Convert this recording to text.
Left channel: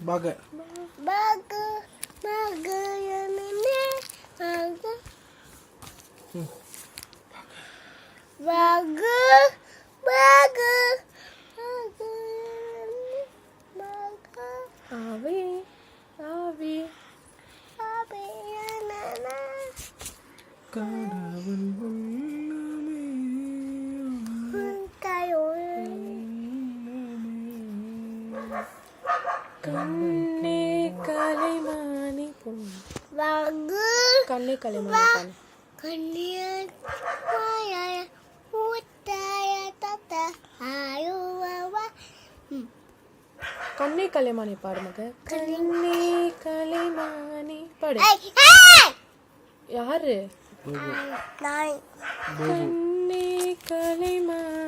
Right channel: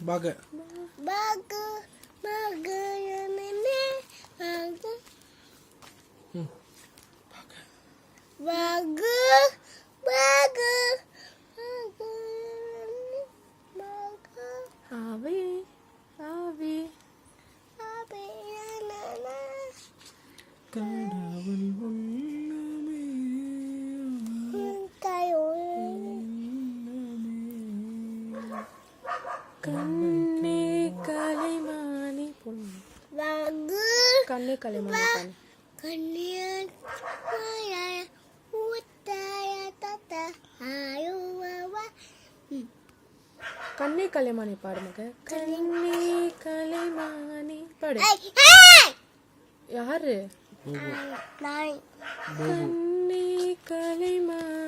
Baga. Baga, baga, baga. Baga, baga, baga, baga. Avi, Avi. Avi, nana. கடவுள் உள்ளமே கண்ணே கலைமானி பொண்ணு. Baga, கண்ணே கலைமானி பொண்ணு. kanian, ayah, utaya, tata, ayu, wawa. கண்ணே கலைமானி பாடு மக. கண்ணே கலைமானி பாடு. Hey, hey! யாரு? Nine. கண்ணே கலைமானி